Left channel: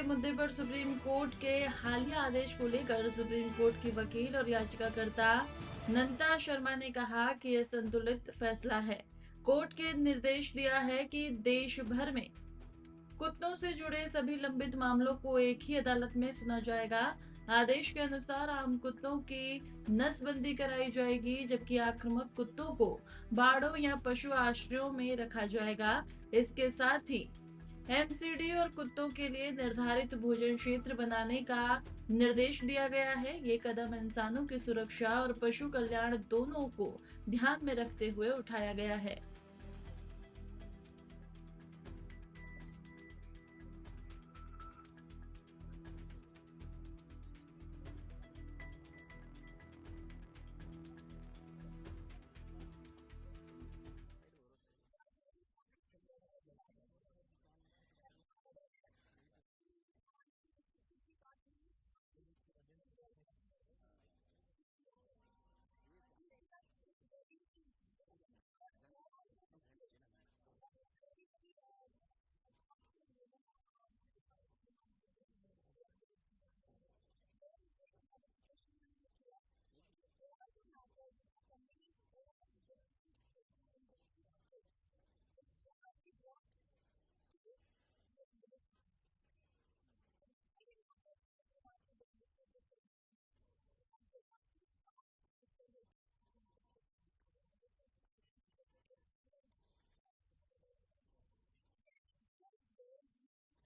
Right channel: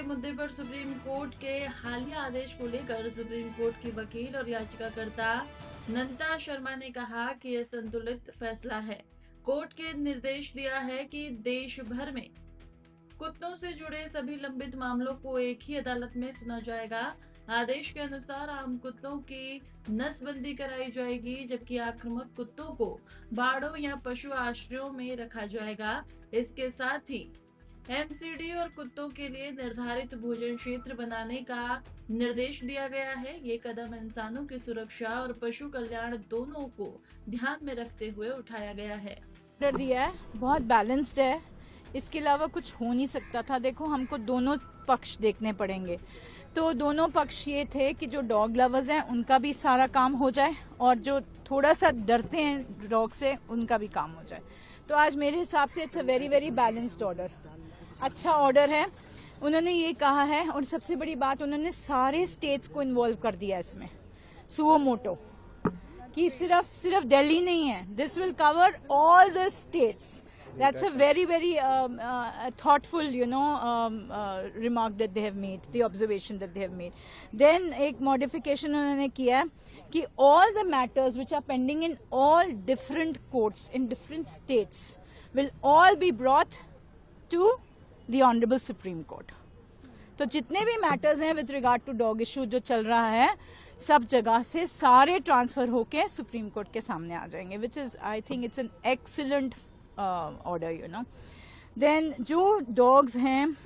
के मुद्दे पर सुप्रीम कोर्ट के हालिया आदेश को लेकर सुप्रीम कोर्ट की वकील और याचिकाकर्ता नंदिता शर्मा ने कहा कि यह संतुलित फैसला है। कोर्ट के निर्देश दिया है कि देश भर में कुत्तों से जुड़े सभी लंबित मामलों को एक ही अदालत में सुना जाएगा। आदेश के अनुसार आम कुत्तों की नसबंदी कराई जाएगी, जबकि आक्रामक कुत्तों को बाड़ों या पशु आश्रयों में रखा जाएगा। इसके साथ ही एमसीडी और कुत्तों के लिए निर्धारित भोजन क्षेत्र बनाने का निर्देश दिया गया है। ये कदम इंसानों की सुरक्षा और पशु कल्याण दोनों को ध्यान में रखते हुए उठाया गया है। दिया है, बहुत बैलेंस्ड है। इसके अलावा कुछ हो नहीं सकता था। देखो, हमको दोनों पक्ष देखने पड़ेंगे। तो दोनों पक्ष ये थे कि जो डॉग लवर्स हैं उनका भी सारा काम हो जाए और जो थोड़ा सा डरते हैं डॉग से उनका भी काम हो जाए। तो आज मेरे हिसाब से it's a very very balanced order, अच्छा ऑर्डर है। उन्होंने ये कहा है और सबसे बड़ी बात, उन्होंने सारे स्टेट्स को इन्वॉल्व कर दिया इसमें, सुओ मोटो, कि सिर्फ दिल्ली नहीं है, this will cover all the states. That's a very, very thoughtful, remark that they have made, the observation that they have made. Then एक modification उन्होंने किया है कि all the matters which are pending in all different courts in different states will all be brought to the Honorable Supreme Court. तो जितने भी matters हैं with regard to dog issue जो चल रहा है, सब जगह से सारे ट्रांसफर होके सुप्रीम कोर्ट के सामने आ जाएंगे, which is I think it's an excellent order, then जो डॉग्स हैं,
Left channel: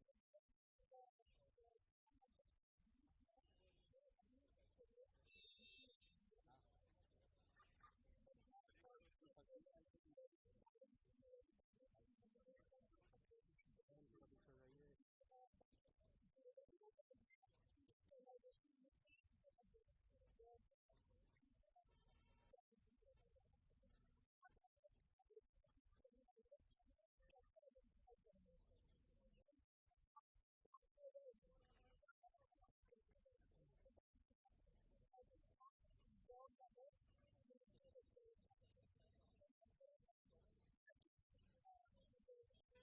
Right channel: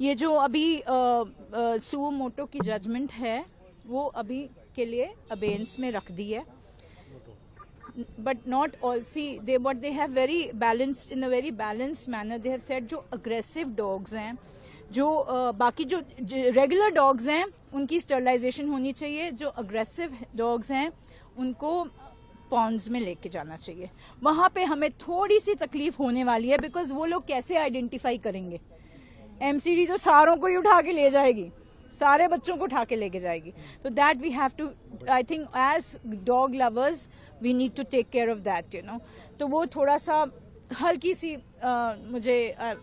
ये जो अभी सुओ मोटो की जजमेंट है वो अभी के लिए अबेंस में रख दी है, but not all see they but they have very balanced in a very balanced manner. They have said जो अग्रेसिव डॉग्स हैं, जो बाकी जो रेगुलर डॉग्स हैं उनकी स्टरलाइजेशन होनी चाहिए, जो अग्रेसिव डॉग्स हैं उनको पॉन्ड्स में लेके जाना चाहिए। वहां पे हमें थोड़ी सी तकलीफ होने वाली है, बिकॉज वो लोग कैसे आइडेंटिफाई करेंगे। एमसीडी तो सारों को ही उठा के ले जाएगी, सारे बच्चों को उठा के लेके जाएगी। तो that we have to, I think as dog lovers we need to take care of that, तो वो थोड़ा सा हल्की सी मुझे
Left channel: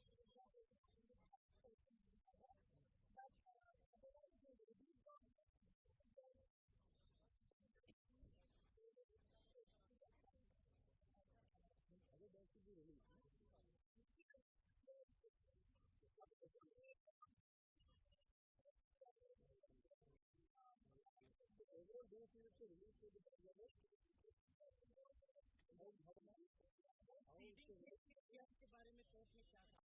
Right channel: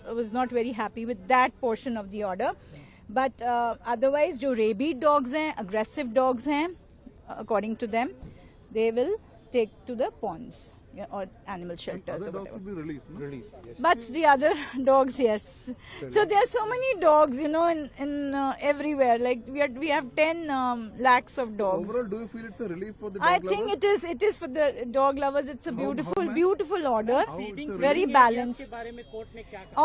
was not very happy with that portion of the order, but otherwise जो रेबीड डॉग्स हैं, अग्रेसिव डॉग्स हैं, according to them they will take to the ponds or animal shelters or whatever. Be released. Yes. But the other dogs, yes. So there are so many dogs, in everywhere. Like we have 10 lakhs of dogs. Overall, do you feel it's a relief for the dog I lovers? think it is for the dog lovers. It's a beautiful order, very balanced.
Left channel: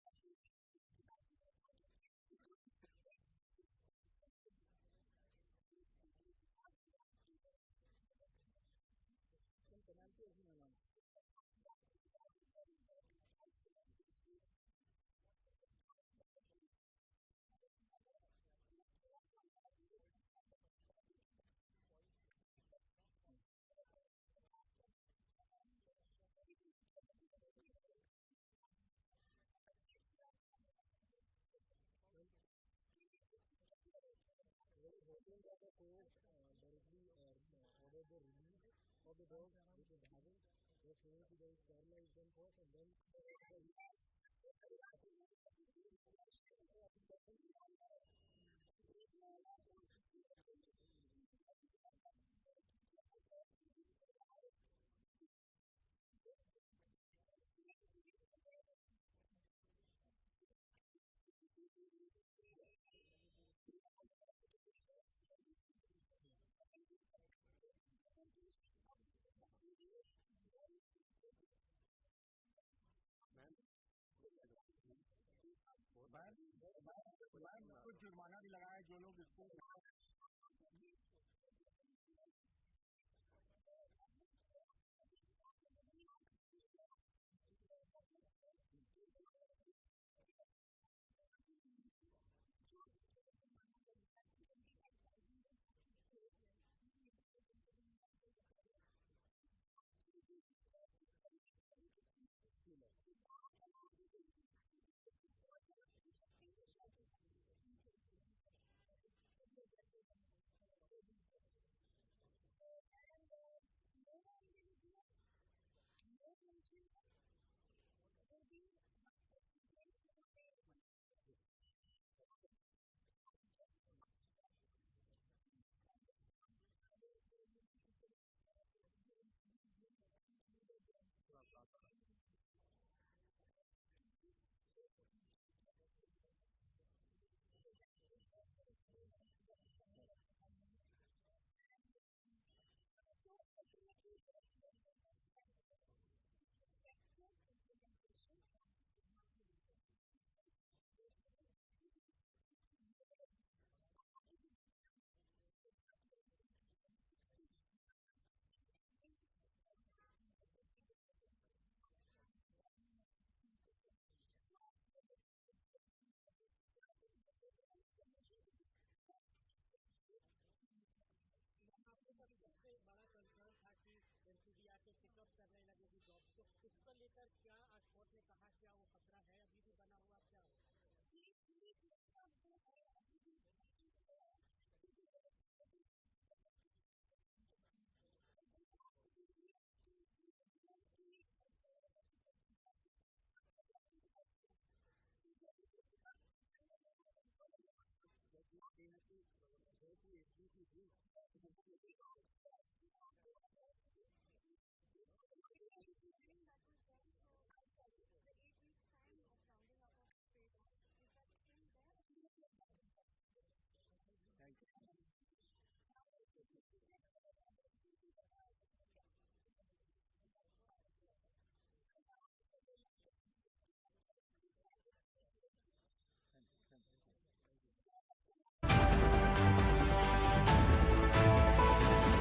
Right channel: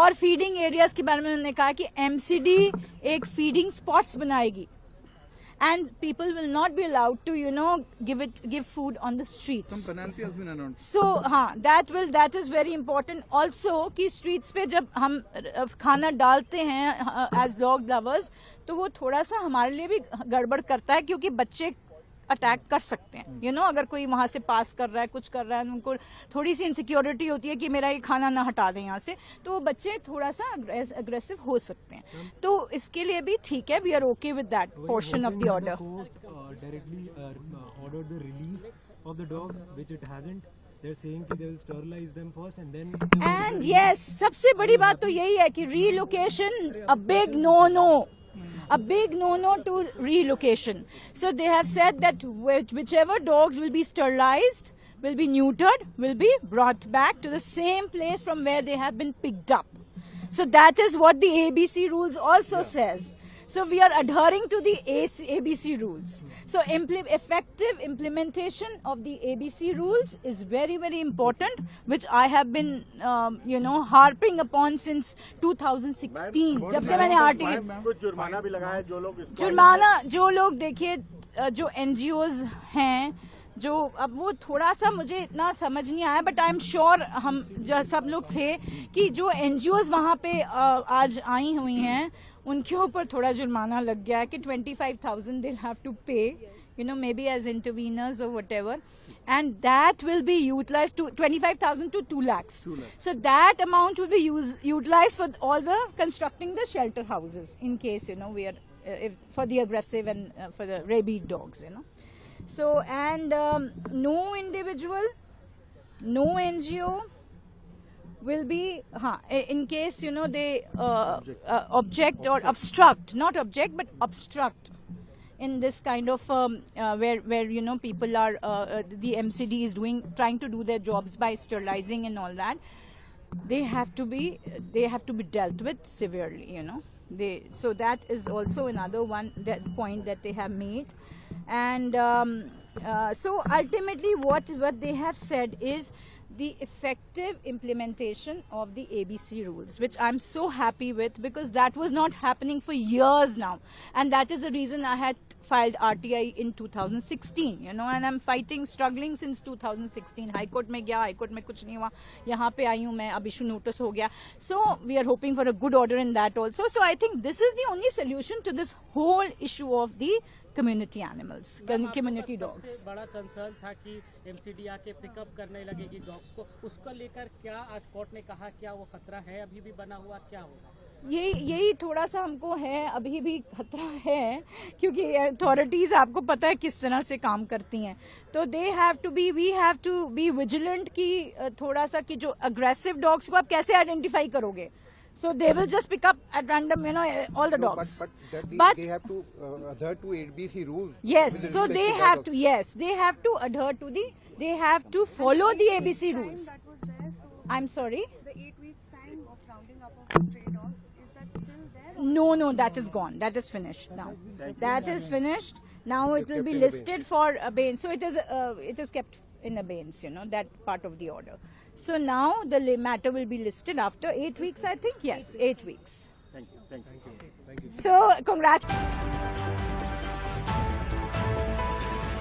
और feeding areas के बारे में उन्होंने कहा कि MCD एक feeding spots बनाएगी. And people will not be allowed to, give food on the streets. Some penalty has been announced. So, that is very important. Also, कि streets पे जब हम खाना डालते हैं as dog lovers, तो वो थोड़ा सा हमारे लिए भी गड़बड़ करता है, क्योंकि बच्चे अटैक कर सकते हैं, अगर कोई वहां से पास कर रहा है, कुछ कर रहा है, उनको थोड़ी सी इनसिक्योरिटी होती है कि मेरा ये खाना ना हटा दें यहाँ से, तो वो बच्चे थोड़ा सा अग्रेसिव हो सकते हैं। तो इसके लिए भी ठीक है, we are okay with that portion of the order. Directly ordered the release of the dogs, which it hasn't. They're saying that they will sterilize them first and then. And yes, सबसे बड़ी बात तो यही है कि relocation a big no-no. A big no-no to relocation. So they have said that whichever dogs will be sterilized, will be neutered, will be brought back to the same place from where they have been picked up. So that is what the ABC rules also says. So we are adhering to the ABC rules. So effective implementation of the ABC rules is very, very important, which I have been, harping upon since 2016. जब से मैंने आर्टिकल जुर्माना भी लगाया जो लोग देखिए, जो NGOs हैं, जो अब वो थोड़ा सा मुझे इतना समझ नहीं आया, बट आई एम श्योर हम सब लोग थे कि जो NGOs वहाँ पे आज आई हुई हैं उनके ऊपर थोड़ा जुर्माना लग गया है कि 25,000 they'll have to pay, maybe as interveners or whatever, and that will be utilized to 25,000 to 2 lakhs. So that amount will be utilized for all the constructing the shelter houses in case, we are for the aggressive and for the rabid dogs, So, and no individual, no NGO will be in case they object or obstruct, not object but obstruct in this kind of where people are the MCD is trying to do their jobs by sterilizing and all that. They have to be dealt with severely, so that is also another point that they have made. And so ultimately what they have said is the effective implementation of the ABC rules, which I'm so happy with, because that was not happening for years now, and that is the reason I had filed RTI in 2016, and I'm struggling since 2016. High Court में गया, High Court में कुछ नहीं हुआ, यहाँ पे आई हूँ मैं, अब issue notice हो गया. So we are hoping for a good order in that also. So I think this is the only solution to this whole issue of the community animals, community dogs. सबसे बड़ा कंसर्न था कि MCD आके पिकअप करने लगेगी डॉग्स को, उसको लेकर क्या आज कोर्ट ने कहा, क्या वो खतरा है अभी भी बना हुआ, क्या होगा? यही थोड़ा सा हमको है, अभी भी खतरा है, क्योंकि अथॉरिटीज आपको पता है किस तरह से काम करती हैं. तो we have to be vigilant कि थोड़ा सा कि जो अग्रेसिव डॉग्स को आप कैसे आइडेंटिफाई करोगे. So they will just pick up at random, all the dogs. But they have to adhere to ABC rules. Yes, so they have to. Yes, they have to adhere to they have to follow the ABC rules. That was there, so I'm sorry. the 8 weeks time of rounding up of stray dogs, is that still there? No, that is gone. That is finished now. That is finished. Now it will be listed for abeyance. So it is kept in abeyance, that part of the order. So now the matter will be listed after 8 weeks, I think. Yes, 8 weeks. Thank you. So, congrats.